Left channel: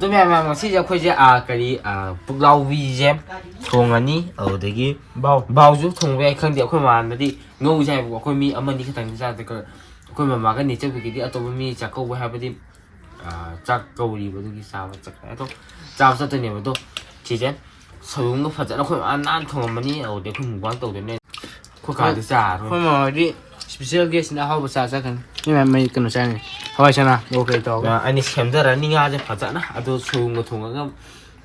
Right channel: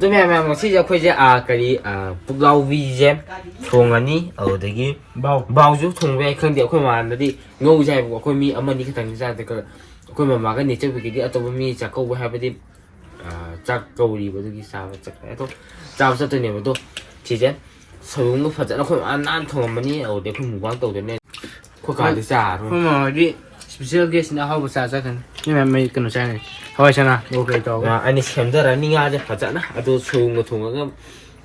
tôi mẹ xí giờ khơi cái bục lau vi gem thùng anh đi ở đấy cái bao giúp thùng về không điệu khơi mà nó đi ngâu dài của khơi mi âm anh đi cái thằng ra thì khơi mà cái này chơi cái đi tôi mi chắc câu hai bên đi chắc câu đi với cái sao chắc cái thôi sao sao tôi nhiều tôi chỉ chứ sử dụng nó phát triển nó khơi ăn thùng anh đi ở đấy khơi mù quán tàu đấy nên khơi cả thì xa thôi khơi mà đi special guest na how sa sa kan ni may kano sa ni hawai sana okay to ani semda running aja faja na ado chung thung ga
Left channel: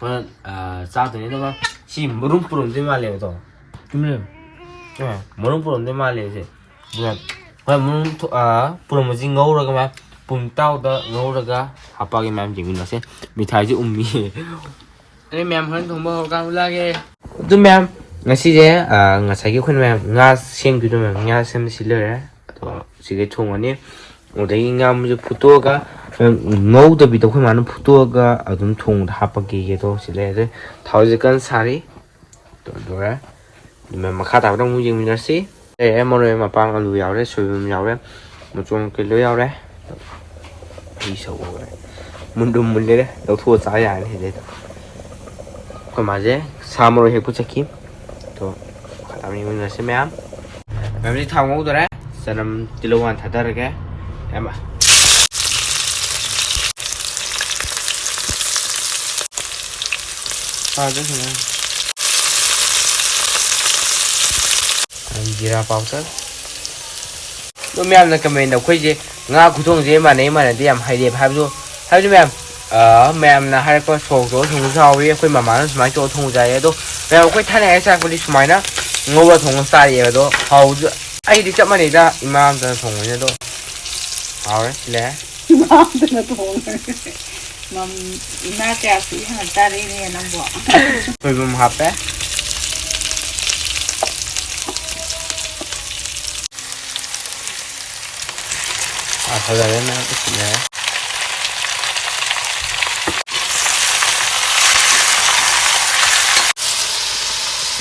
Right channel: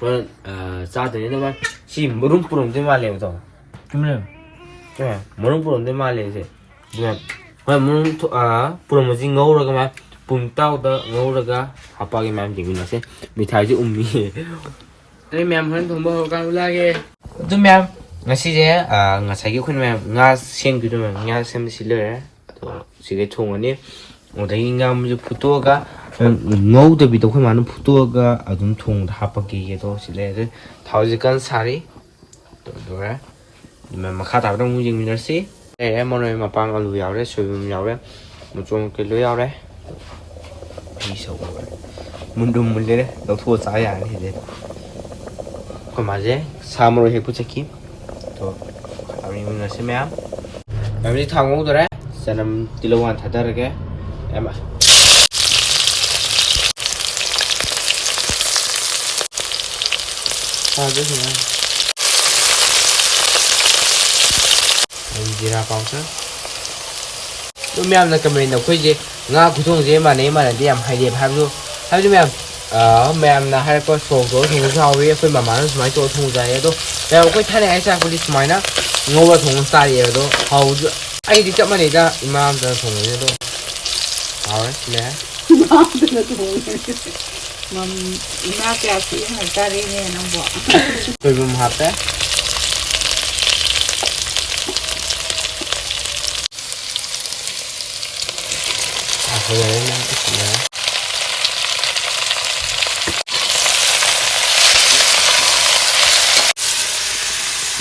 wan sa de ni ma si murum purum de ma le to kimle ke murum purum de ma le se bu wa murum purum ji ngau ra ga ma pum tao da ngau ra ga hapa ge mam ji mi na se mithai ji ummi ani mem han thong bo ka ula ge tu mem ngasi제 ngасai khun mem nga sim du mem nga sim silere sige 총원이 어디 nga photo가 ngau 비도 khun man photo가 adum thong hapagi ge do silere thauji kan sari to dora mem makha ta dong mu jing si em mo re ma pa lu yaw re sui mu yaw re mo chung ke lu yaw re đi sâu rồi mun dum mun le do thua cha ya re le ko ma je samro he pu chaki to khata ri mu si mem mem đi thong ngau rồi Sanam tilawan thadar ke em ạ rất là anh jira powder nó mềm là comment đọc cái gì nga cụ thùng gì mà này đi làm hay đẹp hay luôn hay chứ mềm mềm là hay có số thùng sao vậy phải mà nó máy cho thùng dài đó mềm cái thay này sao cái máy nó ngô vào thùng xa vậy đó hầu ai đi chậm mà để ra imam ra thùng này đó hầu đấy lẽ mà imam cha sĩ hay ta đi nè nó bỏ tôi cũng học đấy thật là nó cái gì này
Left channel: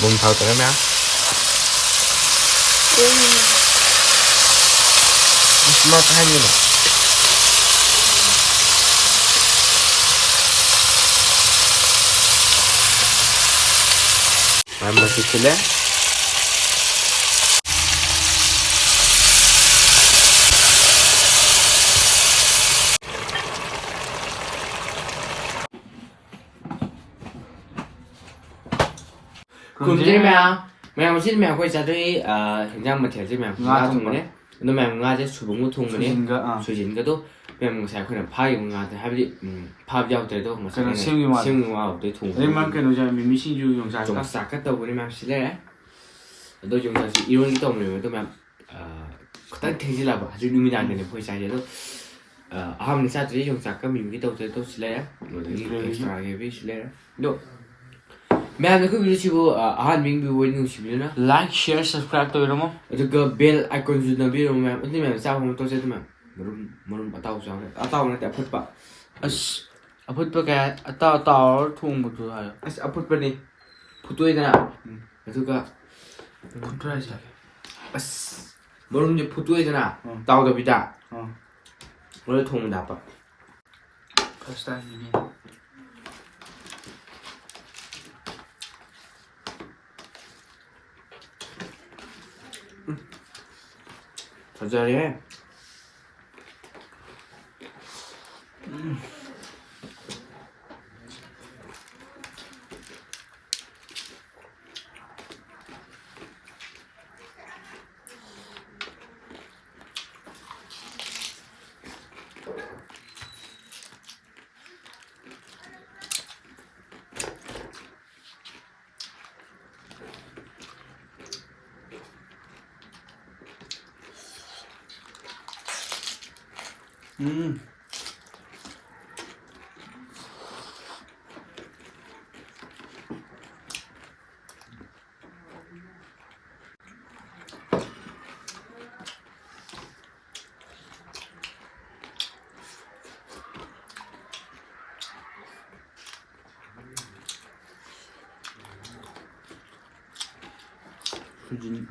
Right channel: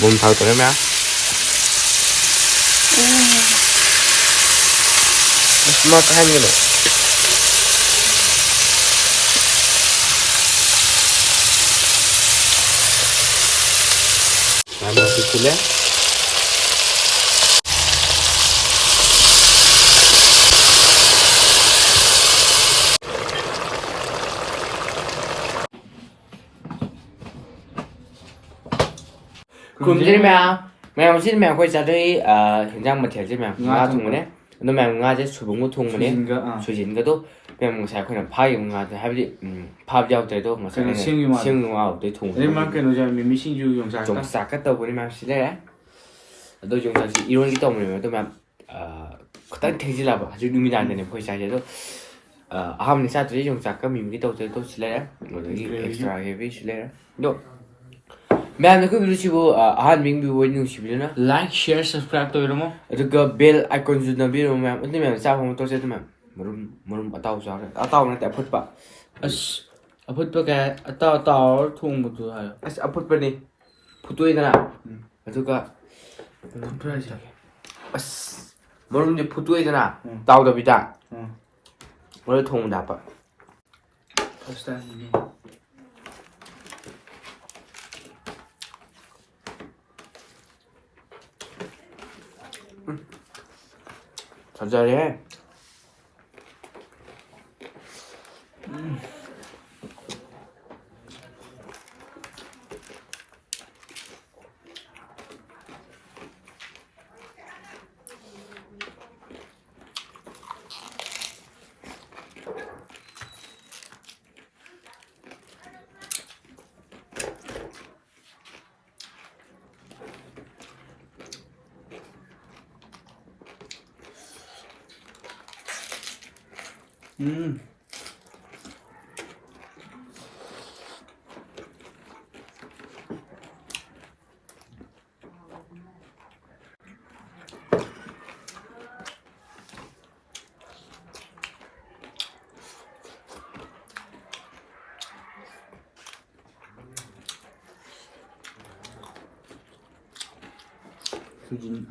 bùm thầu tụi em á Smart cái gì nữa masih gula cùng chứ mèo chứ mèo quay ra đây hình dạng mà thiệt chứ mèo nga thùng này nó mèo nga chứ chủ bóng thùng này suy diễn cái đó mèo một sai khuyên là phai của nga thì hay bị phai giao tới đó mà sai này siêu nga ở tới thùng đấy mang cái nó ra mình xin du dùng sạc dùng sạc cái tàu của mèo xí đấy tôi dùng sạc xí iron cái tàu này tôi mèo tất thế chứ là bảo chứ mình làm này phải sai chứ đó mình sao tôi dùng sạc cái mình cái tàu tôi xí đấy rồi cái extra heavy xí đấy đó ma'am na ko video chibo mình bi woi nu chibo na like share subscribe tôi đúng không aduga bell icon ju na bi ro ma'am uni ma'am sa hom to se to ma'am marum atau sa atau na ta phut pa as aput pa cái tao thùng một thứ hay as aput pa ni phutoi na aduga phut ra gì as marum je phutoi na tao da bi da marum thong da pa first time gì 천천히 수진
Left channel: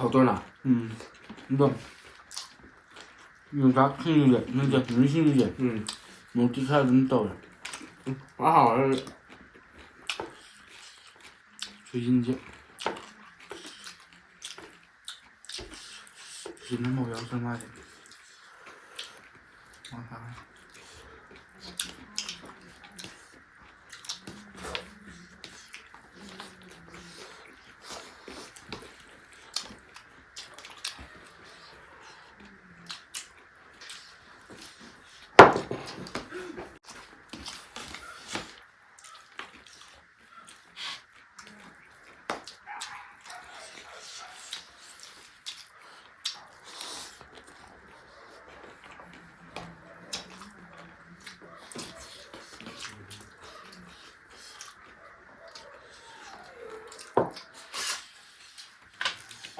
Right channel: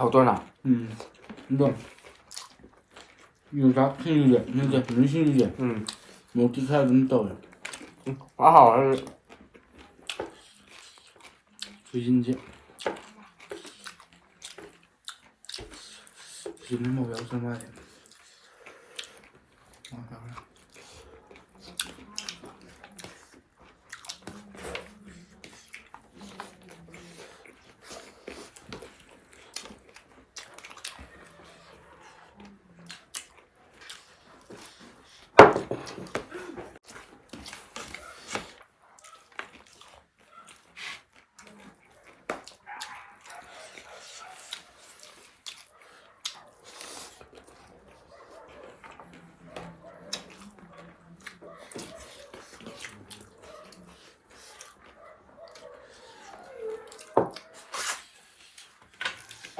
好多呢。이거 다 큰 게, 진짜 눈신 게, 어떻게 해야 된다고. 还好是水晶节，是那么要什么的？我看看。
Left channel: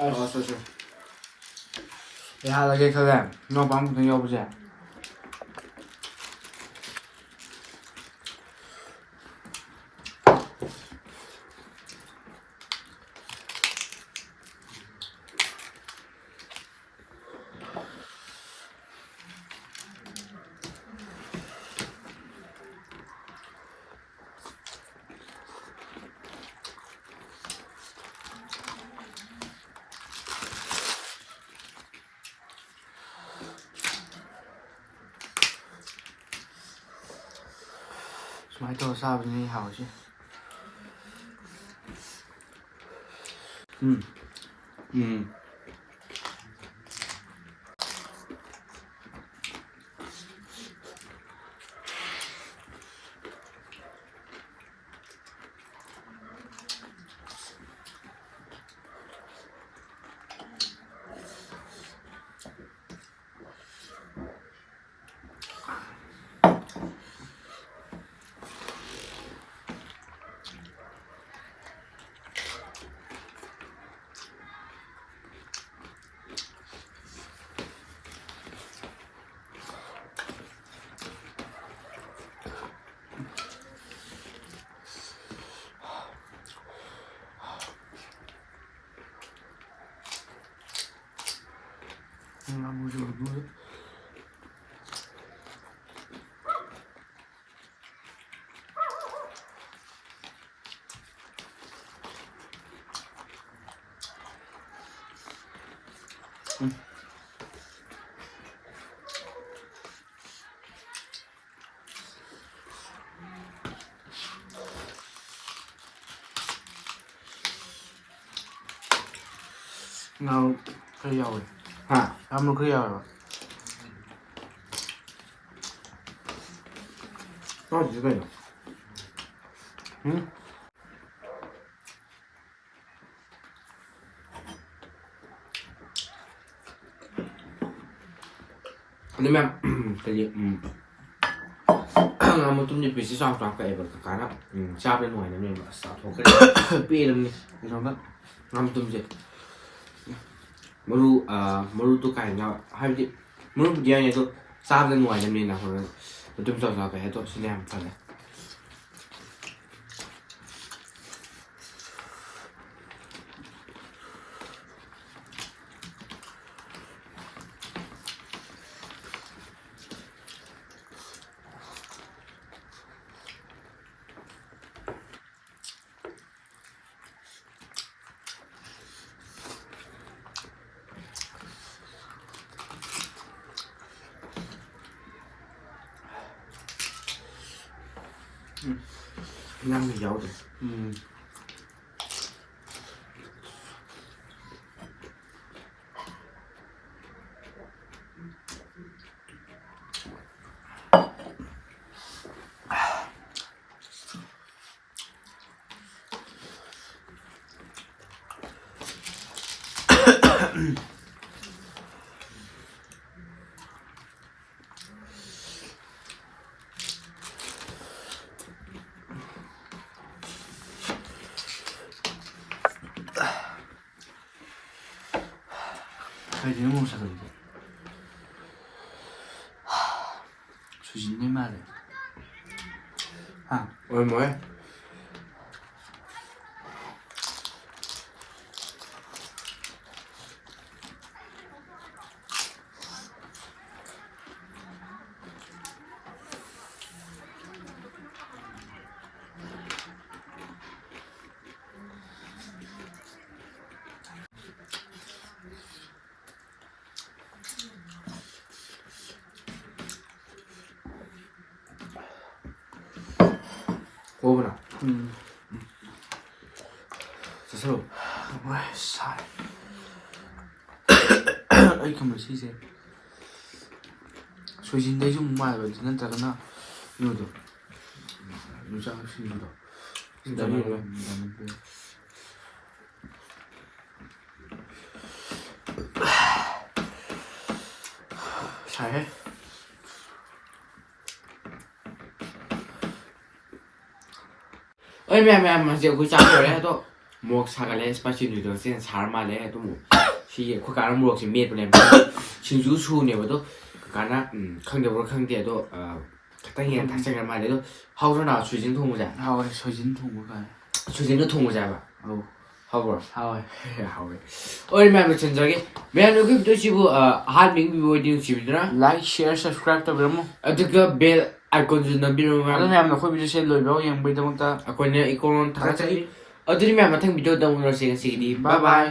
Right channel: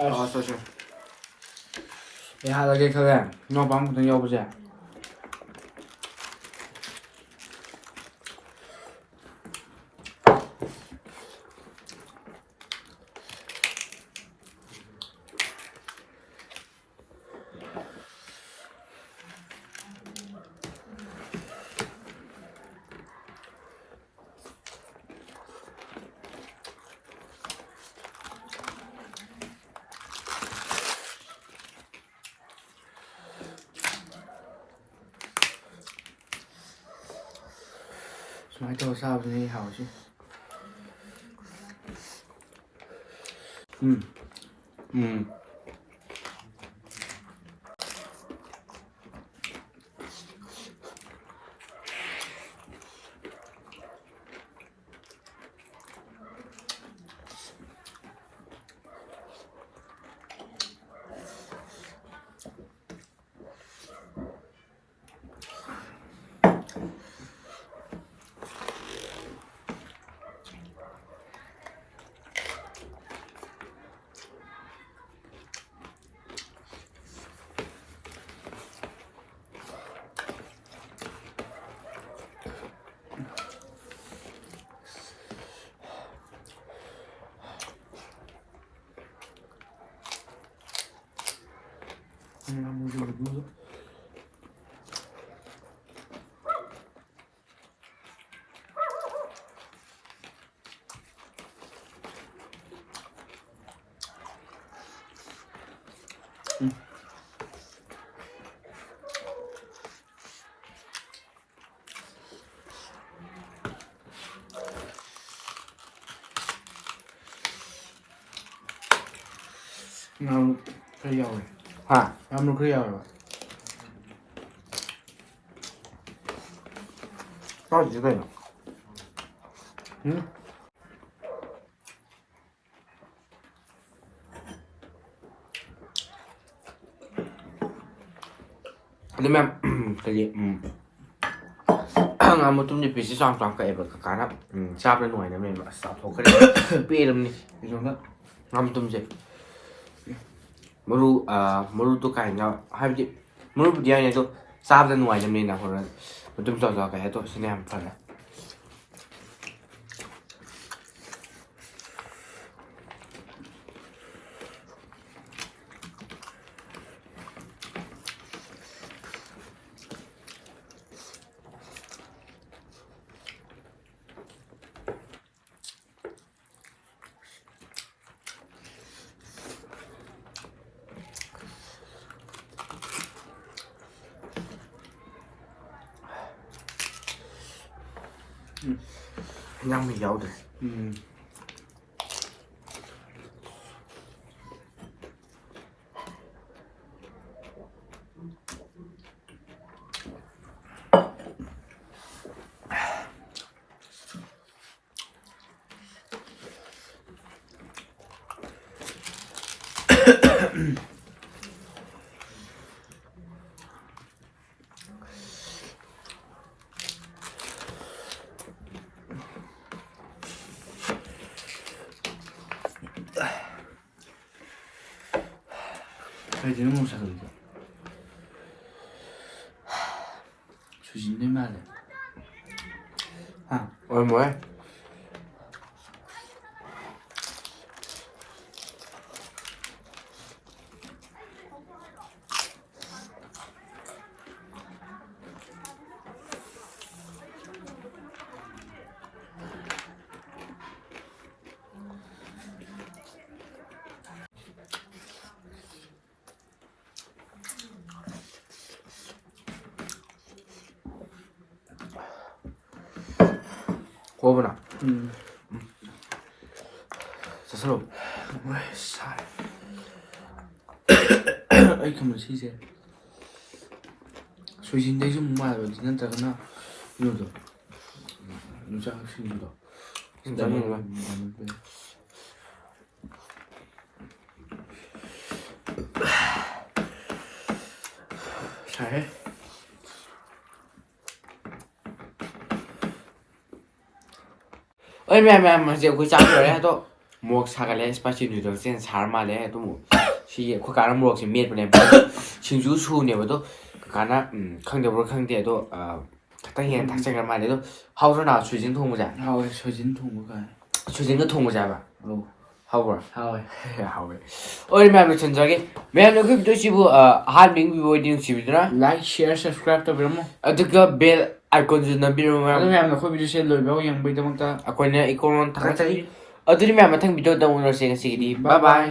哦，是是。一下子给看看，那帮不能要不起。买多少你好些？那不就不？那可以要的，哈，咱们可以要的。到几个呢？那么，这里俺们东西必须上床可以不？干了，下边弄那边吧，上床可以，别的呢，你说那，俺们东西。मरु तो काइना हाइबदि मरु बुदि आने तो साबदा नुवाइ जमनि ना होर तुम सा सा कहे तो सिने हम फले nhâm thì dấu rồi还真没啥东西。出去你买的？啊， 얼마에? 호흡나. 자, 서로. 왜 살? 아이 그러면 시세. 소신대 좀 말고 지난다거나 이거도 유장 신도. 나는 왜? 잘. ơi mẹ giờ cuối trang rồi đấy tôi mua sang cái spicy noodle sen sáng mà đấy tôi mua thì có cái mua thì miết bên này chính chú chu này tôi cái nó không được không được tôi cái hiện thằng sang cái mà đấy tôi hao cho nào suy diễn thông một giải 하와이 소신 통보가. suy diễn cái thông một giải mà 어. hao rồi 하와이. hao rồi ơi mẹ chân 저기 mẹ nó cứ tôi chỉ bu hard being bị bồi đi chỉ biết đó Like, share, subscribe 또 그러면. cái bell icon 좀 넘비로 그럼 mà 하면 코비드 셀 로이고 양보이다 아코는 이거는 다 같이 어디면 마탕 비디오 다운로드 시간 시기 bye bye